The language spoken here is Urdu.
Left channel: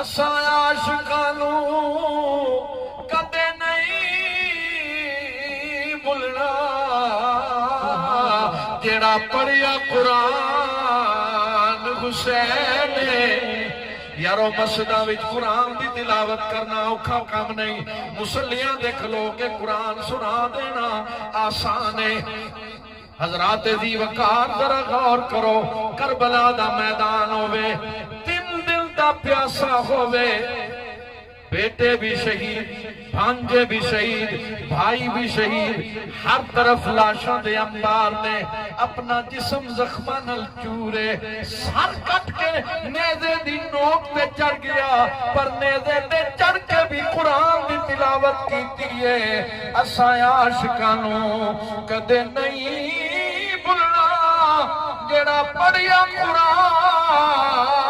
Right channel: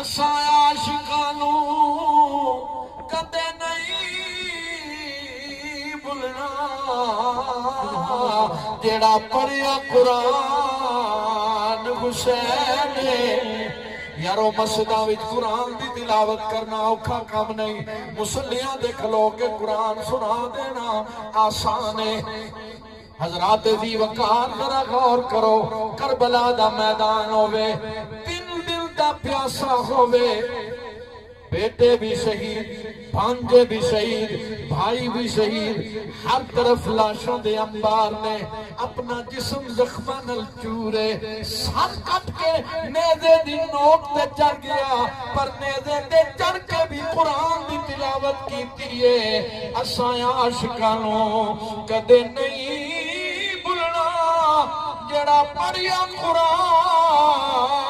اساں عاشقانوں کدے نہیں بھولنا جیڑا پڑھیا قرآن حسین یارو مسجداں وچ قرآن دی تلاوت کرنا اوکھا کم نہیں، مسلیاں دے کھلو کے قرآن سنا دینا آسان ہے۔ حضرات ذی وقار ذرا غور کرو، کربلا دا میدان ہوئے، دل دل دا پیاسا ہوئے، بیٹے بھی شہید، بھانجے بھی شہید، بھائی بھی شہید، ہر طرف لاشوں دے انبار نے، اپنا جسم زخمہ نل چورے، سر کٹ کے نیزے دی نوک تے چڑھ گیا، پر نیزے تے چڑھ کے بھی قرآن دی تلاوت کیتی ہے۔ اساں عاشقانوں کدے نہیں بھولنا جیڑا پڑھیا قرآن